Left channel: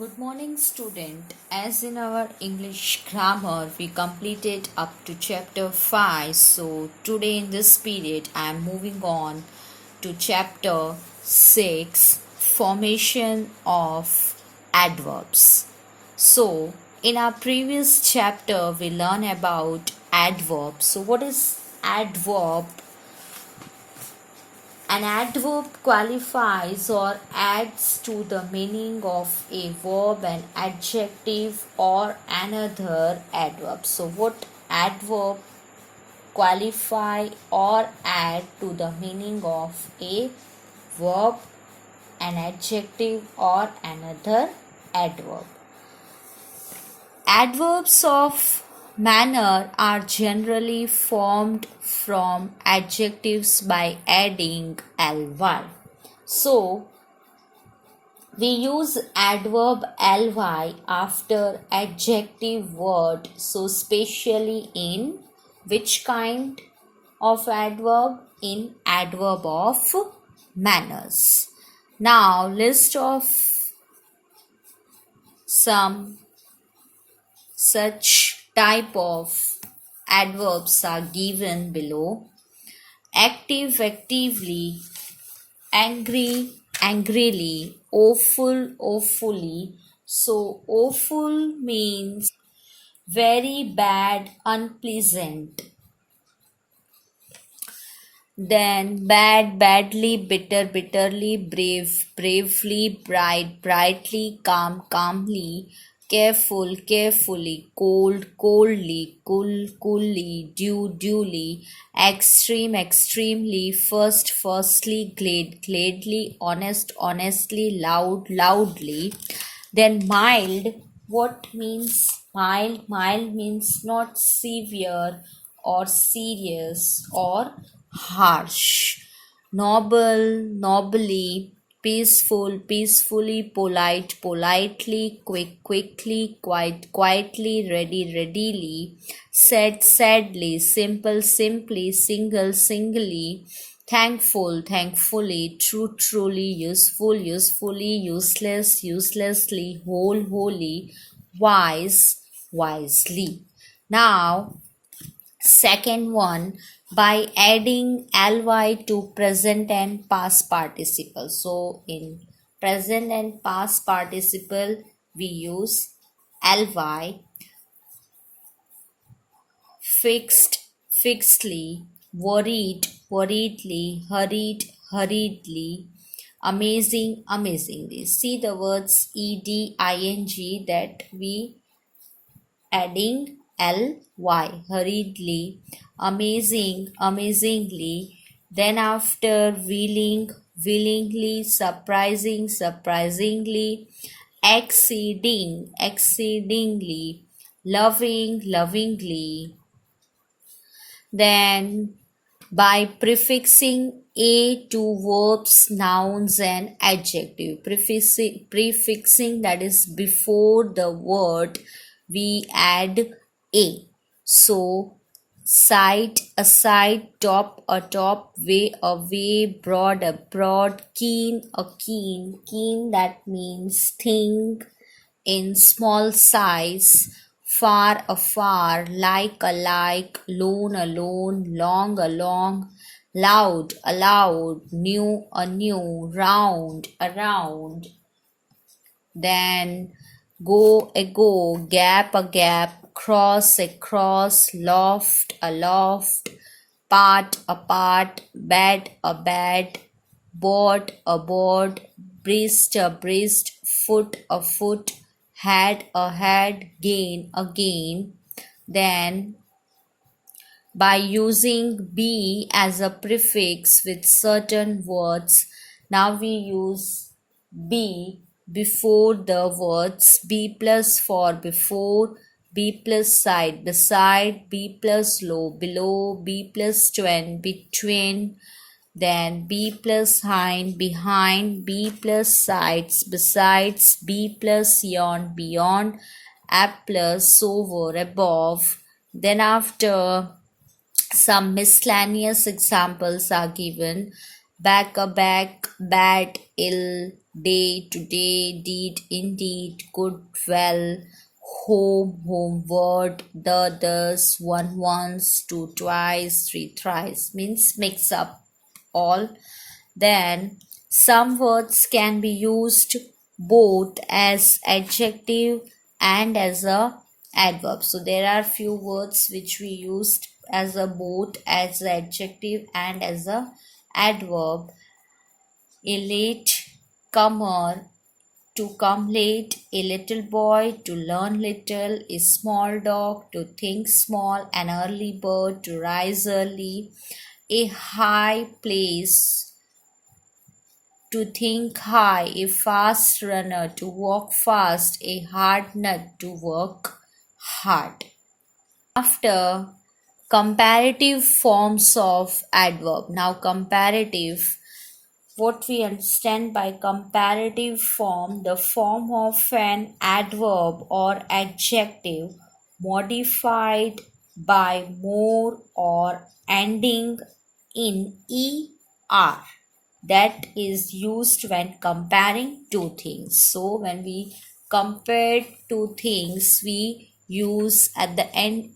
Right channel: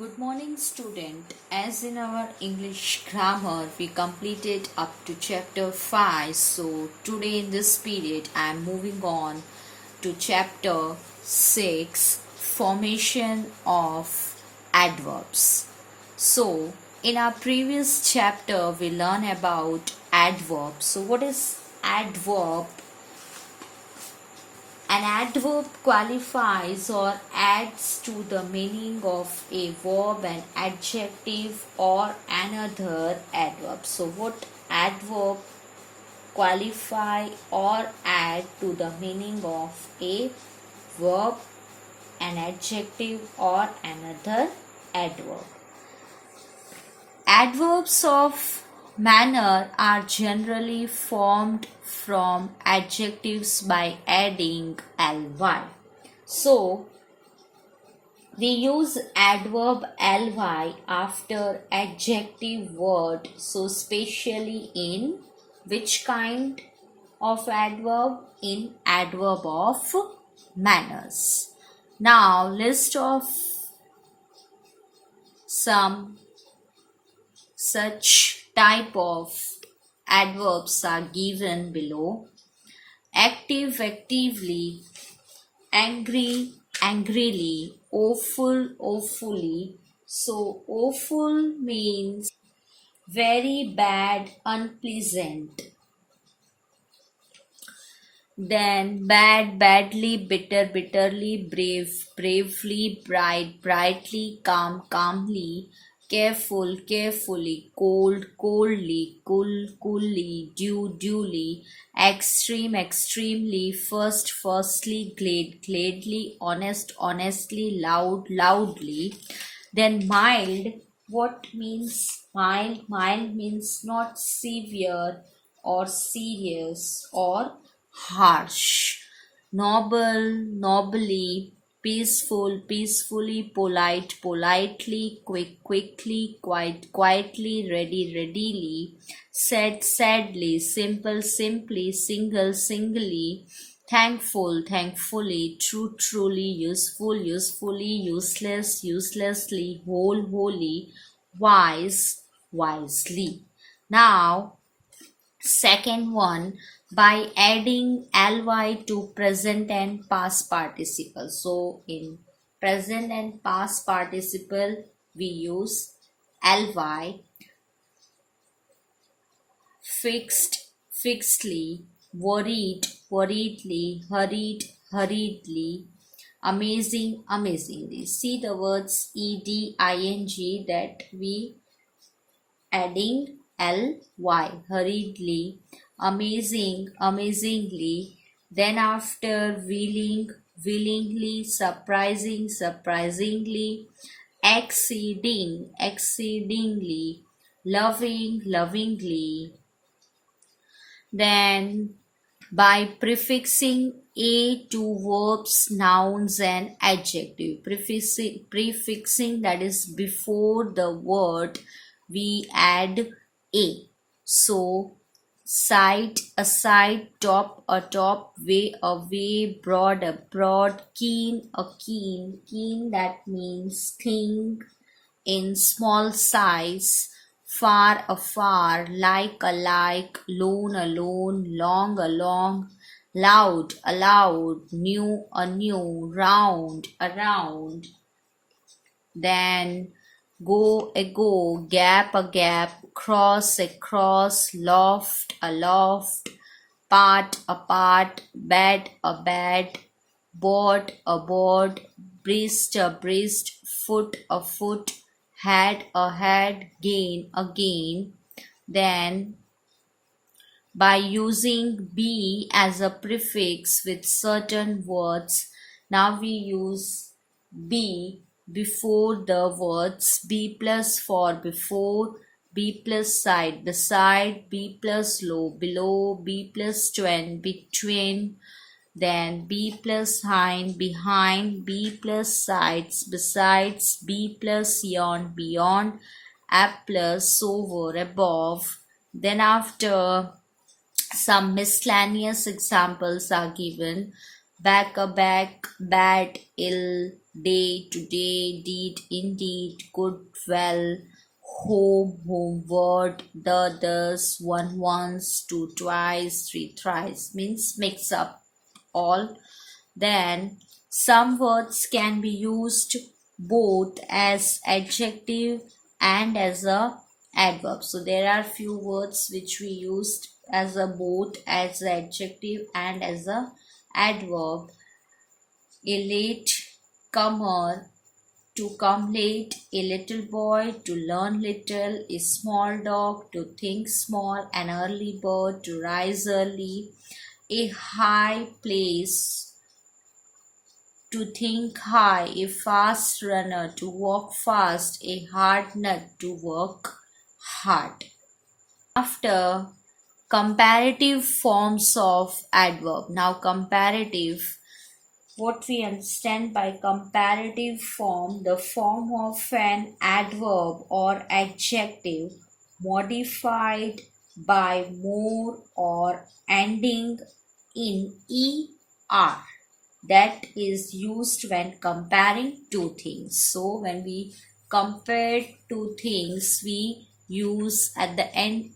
Good morning, student. As in our English grammar, we completed up to chapter 5. So, today in this period, I am moving on to chapter 6 Formation of Adverbs. So, in our previous chapter, we learned about adverbs. So, what is adverb? An adverb qualifies or adds to the meaning of a verb, an adjective, or another adverb. So, what adverb qualify or add to the meaning of a verb, an adjective, or another adverb? Adverbs of manner are generally formed from adjectives by adding ly. So, we use adverb ly after adjective word. So, especially in which kind of adverb? In adverb of manners. Now, list of some such type of adverbs are given below. Active, actively, angry, angrily, awful, awfully. So, awful means very bad, unpleasant. Then bad, badly, bitter, bitterly, brave, bravely, bright, brightly, calm, calmly, careful, carefully, cold, coldly, cool, coolly, due, duly, extreme, extremely, first, firstly, glad, gladly, honest, honestly, loud, loudly. Then mild, what means mild? Mild means not severe or serious or harsh. Noble, nobly, peaceful, peacefully, polite, politely, quick, quickly, quiet, quietly, ready, readily, sad, sadly, simple, simply, single, singly, thankful, thankfully, true, truly, useful, usefully, useless, uselessly, whole, wholly, wise, wisely. Now, second one, by adding ly to present and past participle. So in present and past participle we use ly. Fixed, fixedly, worried, worriedly, hurried, hurriedly, amazing, amazingly. See the words eding that we adding ly, hurriedly, amazing, amazingly, then after willing, willingly, surprising, surprisingly, exceeding, exceedingly, loving, lovingly. Then by prefixing a to verbs, nouns and adjective. Prefixing, that is before the word we add a. So side, aside, top, atop, way, away, broad, abroad, keen, a keen. Keen, that means thing in small size, far, afar, like, alike, lone, alone, long, along, loud, aloud, new, anew, round, around. Then go, ago, gap, a gap, cross, across, loft, aloft, part, apart, bed, a bed, board, a board, breast, a breast, foot, a foot, head, a head, gain, a gain. Then by using be as a prefix with certain words, now we use be before the words. Be plus for before, be plus side, beside, be plus low, below, be plus twin, between. Then be plus hind, behind, be plus sides, besides, be plus yon, beyond, ab plus over, above. Then after, some miscellaneous examples are given. back a back, bad, ill, day to day, deed indeed, good, well, home, homeward, the, thus, one once, two twice, three thrice, means mix up all. Then some words can be used both as adjective and as a adverb. So there are few words which we used as a both as adjective and as a adverb. A late comer, to come late, a little boy, to learn little, a small dog, to think small, an early bird, to rise early, a high place, to think high, a fast runner, to walk fast, a hard nut, to work hard. After comparative forms of adverb. Now comparative, what we understand by comparative form, the form of an adverb or adjective modified by more or ending in er, that is used when comparing two things. So when we compare two things, we use at the end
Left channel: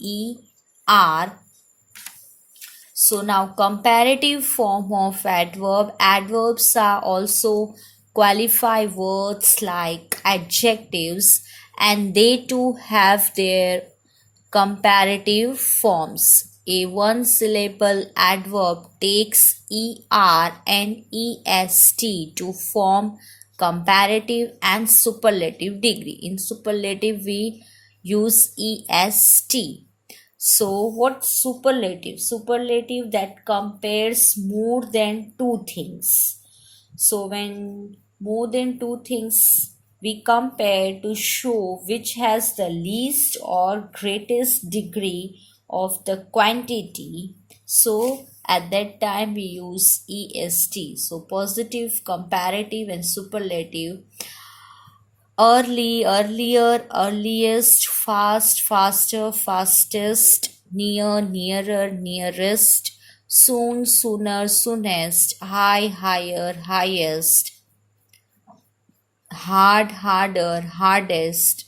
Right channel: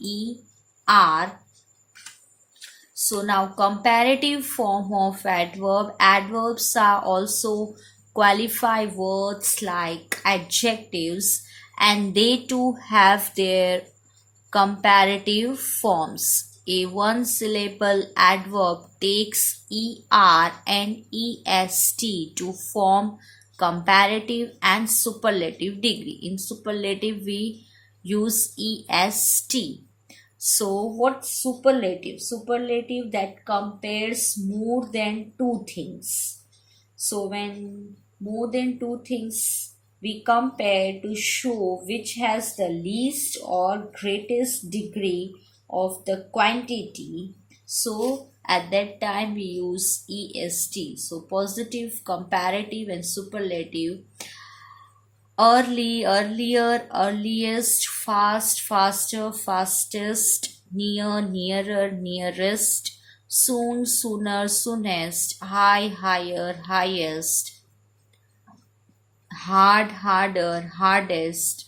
er. So now comparative form of adverb. Adverbs are also qualify words like adjectives, and they too have their comparative forms. A one syllable adverb takes er and est to form comparative and superlative degree. In superlative we use est. So what's superlative? Superlative that compares more than two things. So when more than two things we compare to show which has the least or greatest degree of the quantity, so at that time we use est. So positive, comparative and superlative. Early, earlier, earliest, fast, faster, fastest, near, nearer, nearest, soon, sooner, soonest, high, higher, highest, hard, harder, hardest,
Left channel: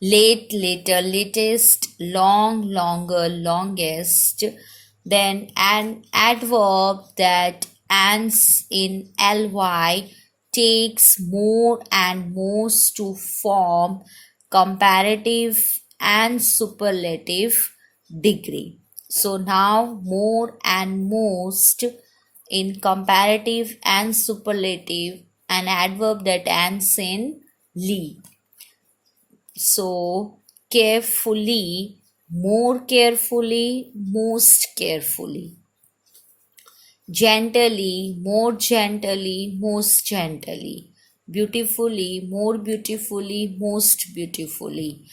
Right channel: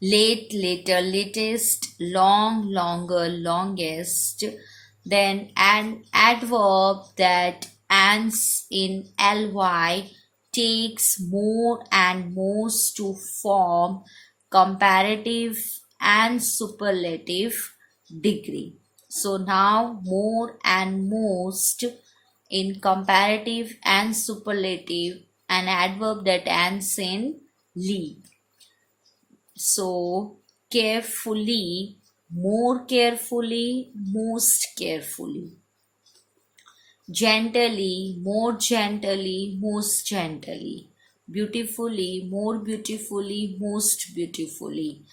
late, later, latest, long, longer, longest. Then an adverb that ends in ly takes more and most to form comparative and superlative degree. So now more and most in comparative and superlative, an adverb that ends in ly. So carefully, more carefully, most carefully. Gently, more gently, most gently. Beautifully, more beautifully, most beautifully.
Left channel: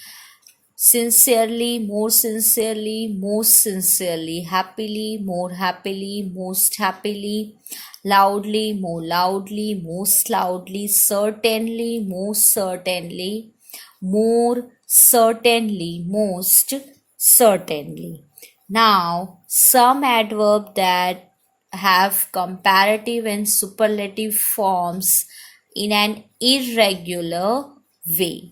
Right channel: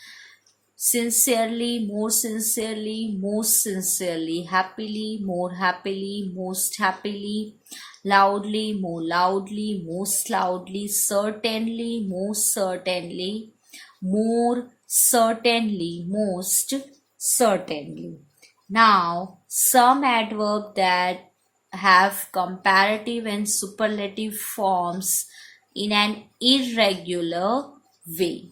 Sincerely, more sincerely, most sincerely. Happily, more happily, most happily. Loudly, more loudly, most loudly. Certainly, most certainly. More certainly, most certainly. Now, some adverb that have comparative and superlative forms in an irregular way.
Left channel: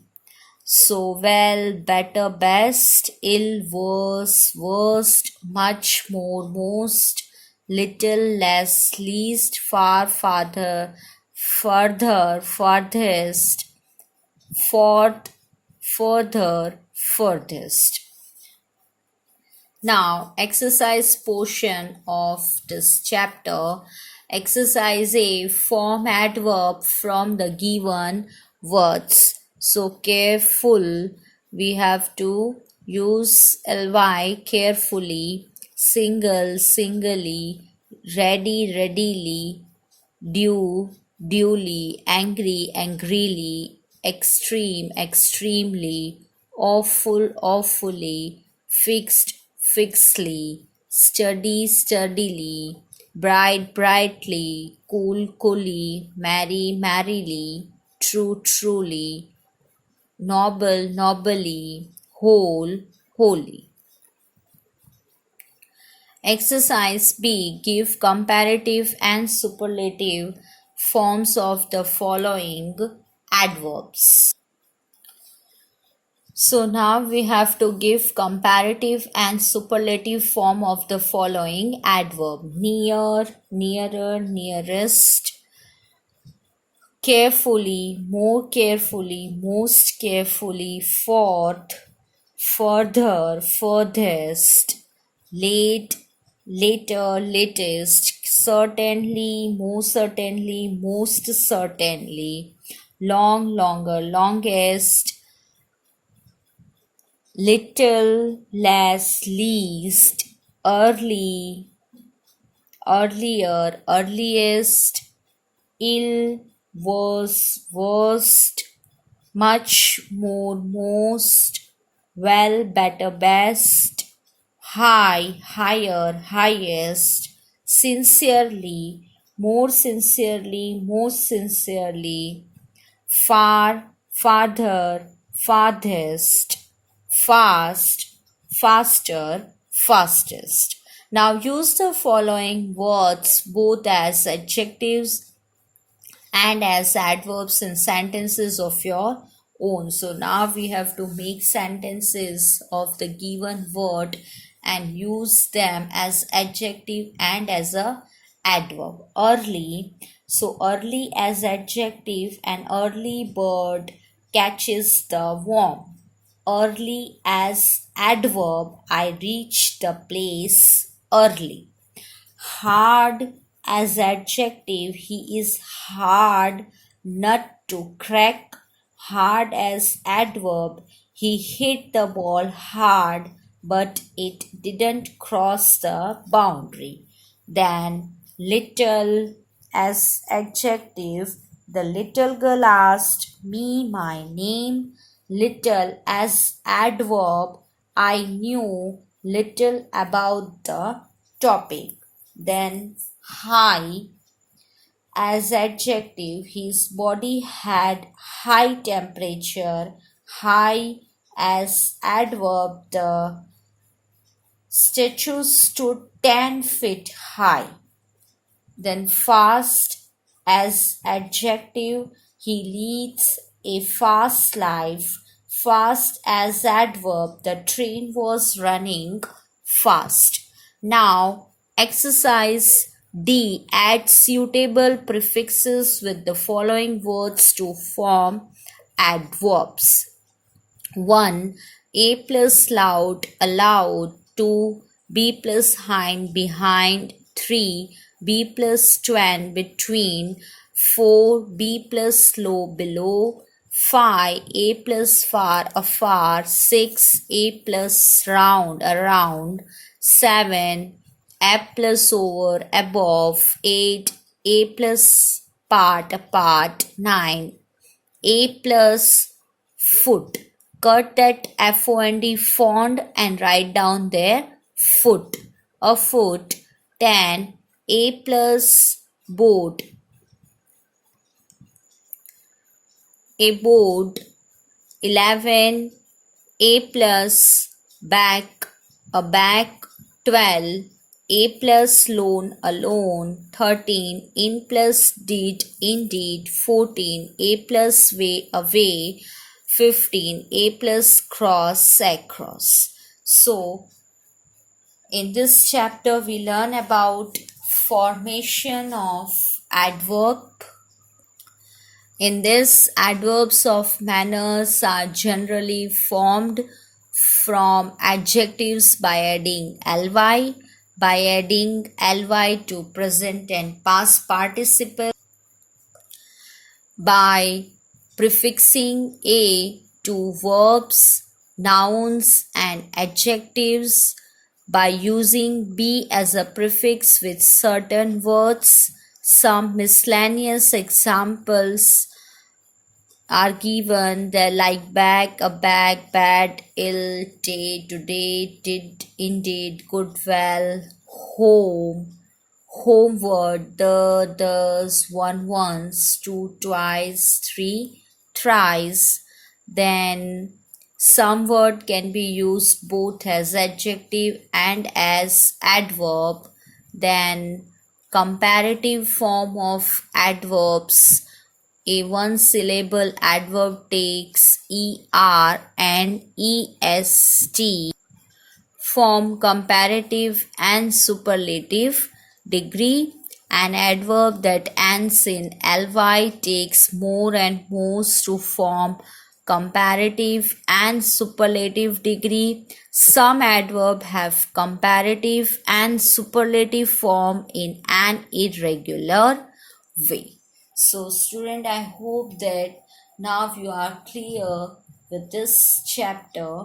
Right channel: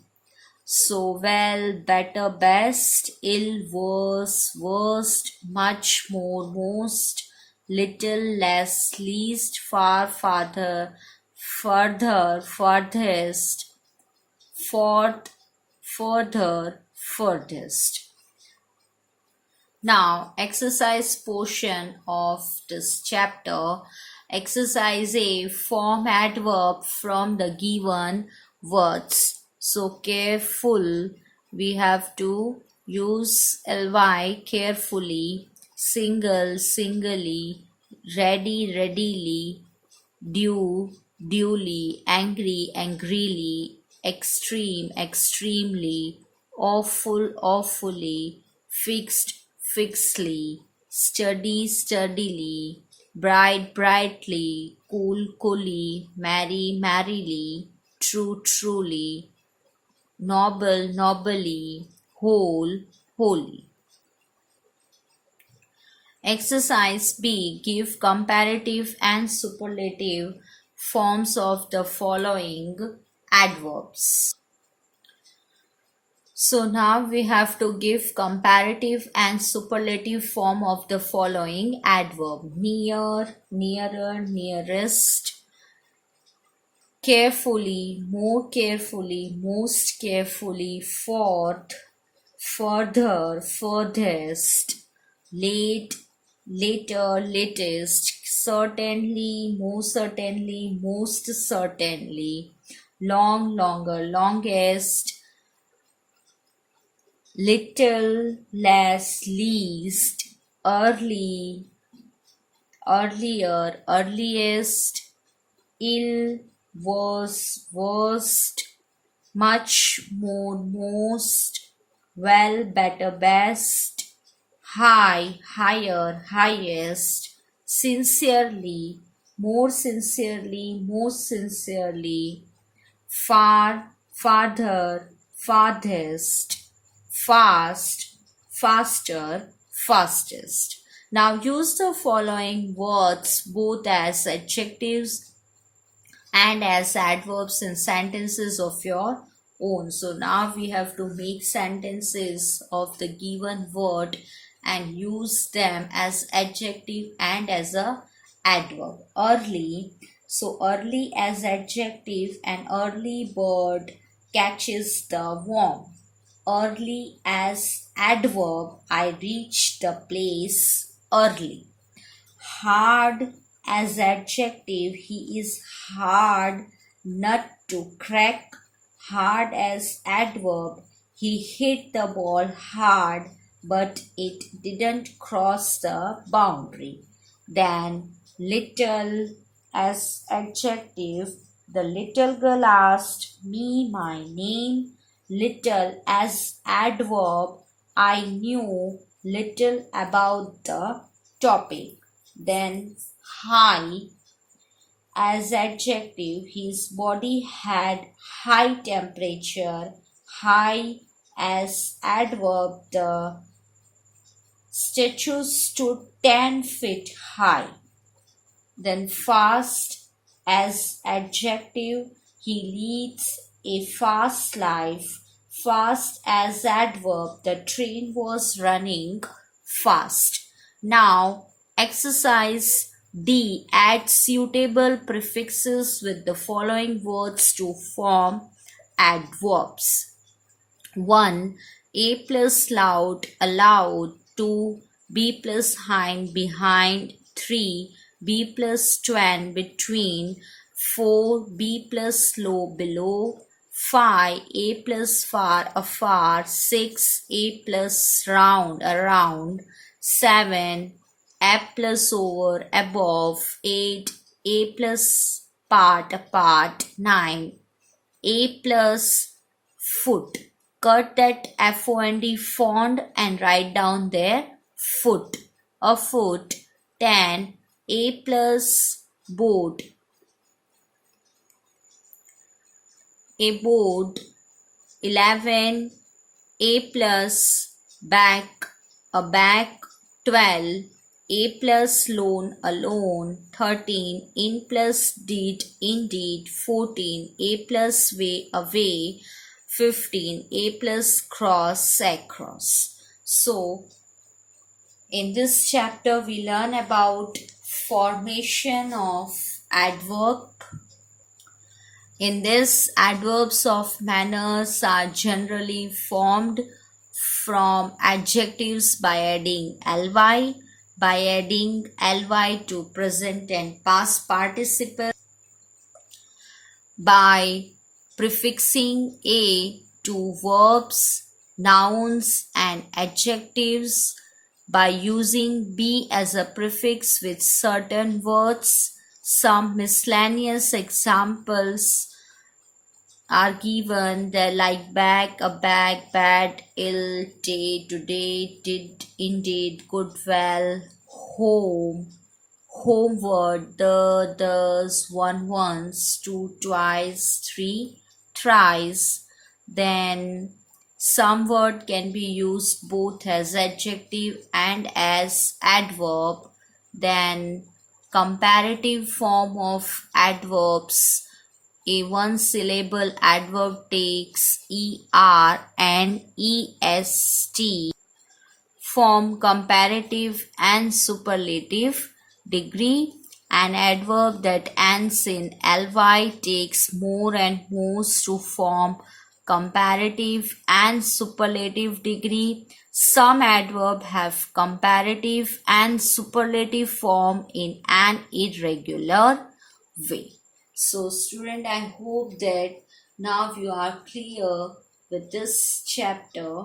So, well, better, best, ill, worse, worst, much more, most, little, less, least, far, farther, further, farthest, forth, further, furthest. Now, exercise portion of this chapter. Exercise A, form adverb from the given words. So, careful, we have to use ly, carefully, single, singly, ready, readily, due, duly, angry, angrily, extreme, extremely, awful, awfully, fixed, fixedly, study, sturdily, bright, brightly, cool, coolly, merry, merrily, true, truly, noble, nobly, whole, wholly. Exercise B. Give comparative and superlative forms of the following adverbs. So now we have to give comparative and superlative form of the following adverb. Near, nearer, nearest, carefully, more carefully, most carefully, forth, further, furthest, late, later, latest, certainly, most certainly, most certainly, long, longer, longest, little, less, least, early, earlier, earliest, ill, worse, worst, much, more, most, well, better, best, high, higher, highest, sincerely, more sincerely, most sincerely, far, farther, farthest, fast, faster, fastest. Now use the following words both as adjectives and as adverbs in sentences of your own. So now we have to make sentences of the given word and use them as adjective and as a adverb. Early, so early as adjective, an early bird catches the worm. Early as adverb, I reach the place early. Hard as adjective, he is hard nut to crack. Hard as adverb, he hit the ball hard but it didn't cross the boundary. Then little as adjective, the little girl asked me my name. Little as adverb, I knew little about the topic. Then high as adjective, his body had high temperature. High as adverb, the statue stood 10 feet high. Then fast as adjective, he leads a fast life. Fast as adverb, the train was running fast. Now exercise D. Add suitable prefixes with the following words to form adverbs. 1. A plus loud, allowed. 2. B plus hind, behind. 3. B plus twain, between. 4. B plus slow, below. 5. A plus far, afar. 6. A plus round, around. 7. A plus over, above. 8. A plus part, apart. 9. A plus foot. Cut that FOND font and write down there foot. A foot. 10. A plus boat. A boat. 11. A plus back. A back. 12. A plus loan, a loan. 13. In plus deed, indeed. 14. A plus way, away. 15. A plus cross, across. So in this chapter we learn about formation of adverb. In this, adverbs of manners are generally formed from adjectives by adding ly, to present and past participle, by prefixing a to verbs, nouns and adjectives, by using be as a prefix with certain words. Some miscellaneous examples are given there, like bag, a bag, bad, ill, day, today, did, indeed, good, well, home, homeward, the, does, one once, two twice, three thrice. Then Some word can be used both as adjective and as adverb. Then comparative form of adverbs. A one syllable adverb takes er and est form comparative and superlative degree. An adverb that ends in ly takes more and most to form comparative and superlative degree. Some adverb have comparative and superlative form in an irregular way. So student, I hope that now you are clear with this chapter.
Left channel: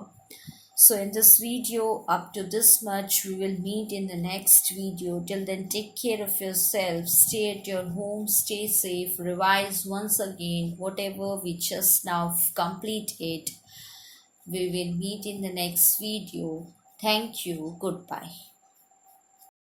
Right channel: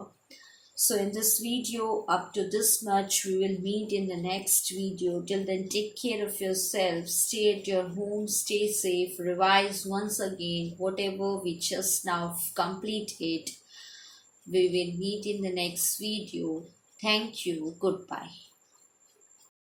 So in this video, up to this much, we will meet in the next video. Till then, take care of yourself, stay at your home, stay safe, revise once again whatever we just now completed. We will meet in the next video. Thank you. Goodbye.